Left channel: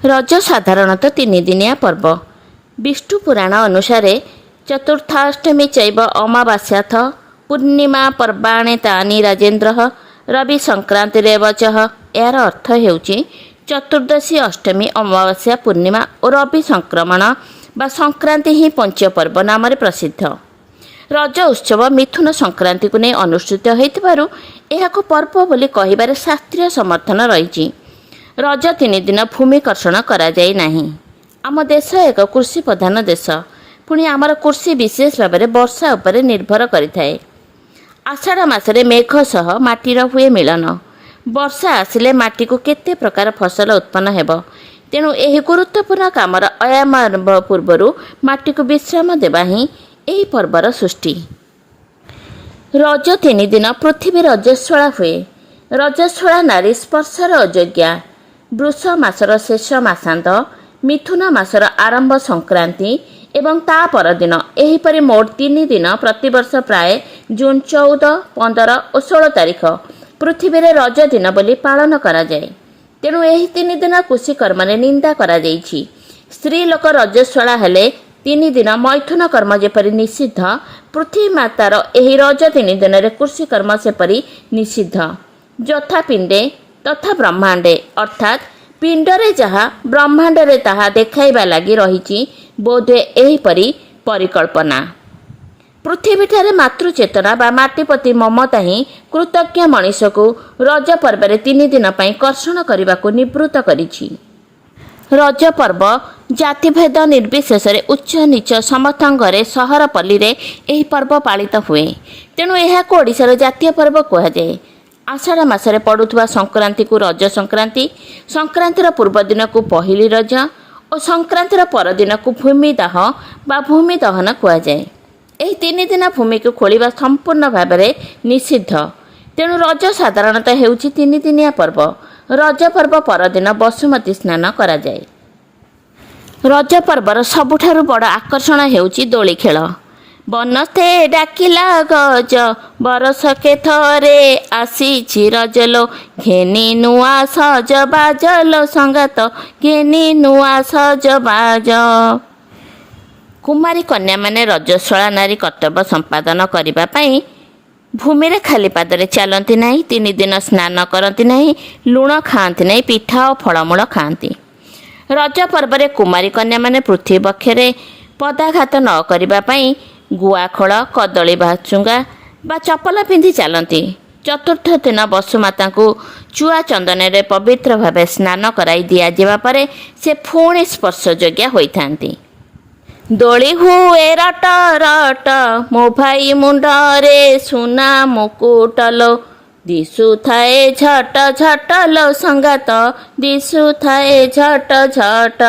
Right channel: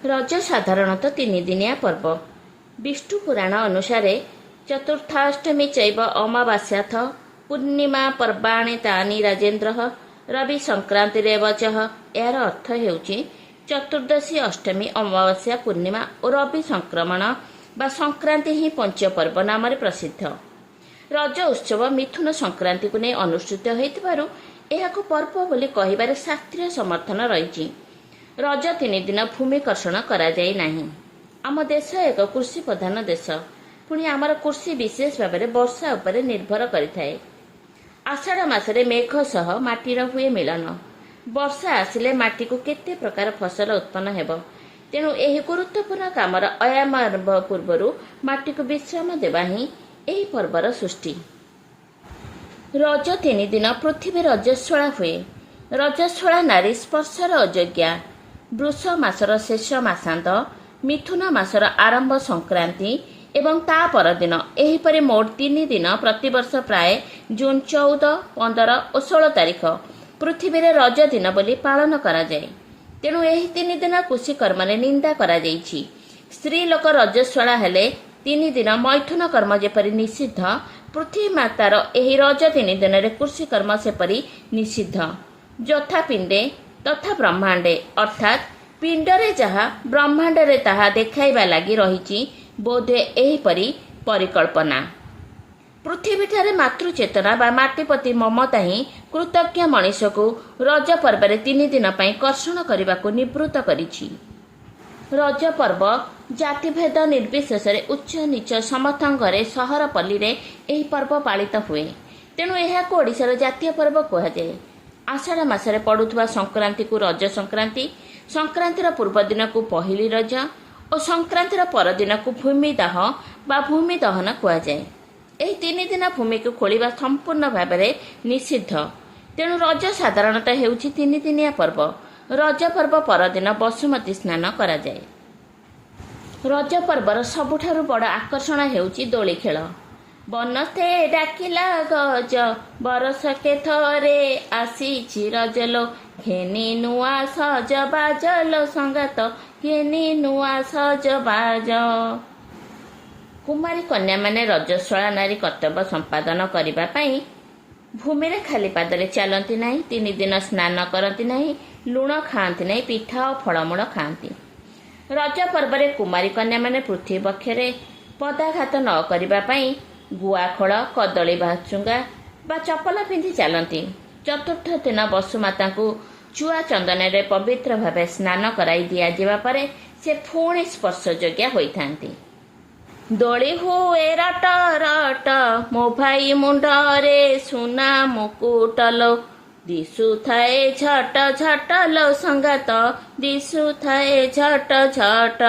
ରଜ ସାଧାରଣତଃ ତିନିଦିନିଆ ପର୍ବ। ବିଷ୍ଣୁ ପୁରାଣ ଅନୁସାରେ ଚତୁର୍ଥାଷ୍ଟମୀ ଚୈବ ଅମାବାସ୍ୟାଥ ପୂର୍ଣ୍ଣିମା ପର୍ବାଣେ ତାନି ରାଜେନ୍ଦ୍ର ରବି ସଂକ୍ରାନ୍ତିରେବ ଚଃ। ଏହାର ଅର୍ଥ ହେଉଛି ଚତୁର୍ଦ୍ଦଶୀ, ଅଷ୍ଟମୀ, ଅମାବାସ୍ୟା, ପୂର୍ଣ୍ଣିମା ଓ ରବି ସଂକ୍ରମଣ ବା ସଂକ୍ରାନ୍ତି ହିଁ ପଞ୍ଚପର୍ବ ନାମରେ ପ୍ରସିଦ୍ଧ। ରଜ ଉତ୍ସବ ମିଥୁନ ସଂକ୍ରାନ୍ତିକୁ ନେଇ ଅନୁଷ୍ଠିତ ହୋଇଥିବାରୁ ଏହାକୁ ପର୍ବ ବୋଲି କହିବାରେ ଶାସ୍ତ୍ରୀୟ ସମର୍ଥନ ରହିଛି। ରଜ ତିନିଦିନ ଭୂମି କର୍ଷଣ କରାଯାଇ ନାହିଁ। ଆମ ଦେଶ ଏକ କୃଷି ପ୍ରଧାନ ଦେଶ। ପୁଣି ଆମର କୃଷି ବିଶେଷ ଭାବରେ ବର୍ଷା ଉପରେ ନିର୍ଭର କରିଥାଏ। ଆଷାଢ଼ ମାସରେ ମେଘ ସହ ମାଟିର ହୁଏ ମିଳନ। ବର୍ଷା ଆସିଲେ ମାଟିକୁ କେତେ ପ୍ରକାର ଫସଲ ଉତ୍ପନ୍ନ ହେବ। ତେଣୁ ଏହି ଗୁରୁତ୍ୱପୂର୍ଣ୍ଣ କାମର ଆରମ୍ଭ ପୂର୍ବରୁ ମାଟିକୁ ବିଶ୍ରାମ ଦେବା ହିଁ ଏହି ପର୍ବର ସୃଷ୍ଟି। ରଜ ତିନିଦିନ ପୃଥିବୀ ରଜସ୍ୱଳା ହୁଏ। ରଜସ୍ୱଳା ନାରୀ ସ୍ପର୍ଶର ଅଯୋଗ୍ୟା। ବୃଷ ମାସର ଶେଷ ମାସାନ୍ତ, ମିଥୁନ ମାସର ଆରମ୍ଭ ସଂକ୍ରାନ୍ତି ଏବଂ ତା ପରଦିନ, ଏହିପରି ମୋଟ 3 ଦିନ ପ୍ରତିବର୍ଷ ପ୍ରାୟ ଜୁନ୍ 14, 15 ଓ 16 ତାରିଖ ପୃଥିବୀରେ ରଜ ଦିନ ବୋଲି ପାଳନ କରାଯାଏ। ତେଣୁ ଏହି 3 ଦିନ କୃଷି କର୍ମରେ ନିନ୍ଦା କରାଯାଇଛି। ସ୍ତ୍ରୀ ଲୋକ ରଜସ୍ୱଳା ହେଲେ 3 ଦିନ ମୈଥୁନ କର୍ମ ଯେପରି ନିଷିଦ୍ଧ, ପୃଥିବୀ ମାତାର ଏହି ରଜ 3 ଦିନରେ କୃଷି କର୍ମ ସେପରି ନିଷିଦ୍ଧ। ଯଥା ପିଣ୍ଡେ ତଥା ବ୍ରହ୍ମାଣ୍ଡେ, ଅର୍ଥାତ୍ ପିଣ୍ଡରେ ଯାହା ବ୍ରହ୍ମାଣ୍ଡରେ ତାହା ଦେଖାଇବା ଲାଗି ରହିଛି ବୋଧହୁଏ ଏହିପରି ପରିକଳ୍ପନା। ପୃଥିବୀଠାରେ ମାତୃଚେତନା ବା ମାଟି ପ୍ରତି ମମତା ହିଁ କୃତଜ୍ଞ ମଣିଷକୁ ରଜ ପର୍ବରେ 3 ଦିନ ପାଇଁ କର୍ଷଣ କରିବାକୁ ନିବୃତ୍ତ କରିଛି। ରଜ ପର୍ବ ଜାତିଭେଦ ନିର୍ବିଶେଷରେ ଉଚ୍ଚ ନୀଚ ସମସ୍ତଙ୍କ ଘରେ ସହର ପଲ୍ଲୀରେ ଏହି ପର୍ବ ପାଳିତ ହୁଏ। ତେଣୁ ଏହାକୁ ଓଡ଼ିଶାର ଜାତୀୟ ପର୍ବ କୁହାଯାଏ। ଆଷାଢ଼ ମାସରେ ପଡ଼ୁଥିବା ସଂକ୍ରାନ୍ତିକୁ ରଜ ସଂକ୍ରାନ୍ତି, ସଂକ୍ରାନ୍ତିର ପୂର୍ବ ଦିନକୁ ପହିଲି ରଜ ଓ ସଂକ୍ରାନ୍ତିର ପରଦିନକୁ ଭୂମିଦାହ ବା ଭୂମି ଦହନ କୁହାଯାଏ। ଏହି 3 ଦିନ ଭୂମିକୁ ଖୋଳିବା ସମ୍ପୂର୍ଣ୍ଣ ଭାବରେ ନିଷିଦ୍ଧ। ତେଣୁ ରଜ ସାଧାରଣତଃ ହେଉଛି 3 ଦିନିଆ ପର୍ବ। ରଜ ପର୍ବ ପରଦିନ ବସୁମତୀ ସ୍ନାନ କରାଯାଏ। ରଜ ପର୍ବର ସବୁଠାରୁ ବଡ଼ ଆକର୍ଷଣ ହେଉଛି ଦୋଳି ଖେଳ। ବନସ୍ତେ ଡାକିଲା ଗଜ, ବରଷକେ ଥରେ ଆସିଛି ରଜଲୋ, ଘେନି ନୂଆ ସଜ ବାଜଲୋ ସଙ୍ଗାତ, ଘେନି ନୂଆ ସଜ ବାଜ। କୁମାରୀ କନ୍ୟାମାନେ ରଜସ୍ୱଳା ନାରୀ କର୍ତ୍ତବ୍ୟ ସମ୍ପାଦନ କରିବା ପାଇଁ ଭୂମିରେ ଖାଲି ପାଦରେ ଚାଲନ୍ତି ନାହିଁ। 3 ଦିନ ସ୍ନାନ କରନ୍ତି ନାହିଁ, ଲୁଣ ଖାଆନ୍ତି ନାହିଁ, ପିଠା ଓ ଫଳମୂଳ ଖାଆନ୍ତି। ରଜ ପର୍ବରେ କୁମାରୀ କନ୍ୟାମାନେ ପୃଥିବୀ ବକ୍ଷରେ ପଦାଘାତ ନ କରିବା ପାଇଁ ଗୁଆଖୋଳ, କଦଳୀ ଭାଚୁଙ୍ଗା ବା ଚପଲ ପିନ୍ଧି ଚାଲନ୍ତି। ଚତୁର୍ଥ ଦିନ ବସୁମାତାଙ୍କୁ ଚୁଆ ଚନ୍ଦନରେ ପବିତ୍ର ଭାବେ ସ୍ନାନ କରାଇ ଦିଆଯିବା ପରେ ସେ ପୁଣି ସ୍ପର୍ଶଯୋଗ୍ୟା ହୋଇଥାନ୍ତି। ଦୋଳି ହୁଏ ରଟ ରଟ, ମୋ ଭାଇ ମୁଣ୍ଡରେ ସୁନା ମୁକୁଟଲୋ, ଦିଶୁଥାଏ ଝଟ ଝଟ ଲୋ ସଙ୍ଗାତ, ଦିଶୁଥାଏ ଝଟ ଝଟ।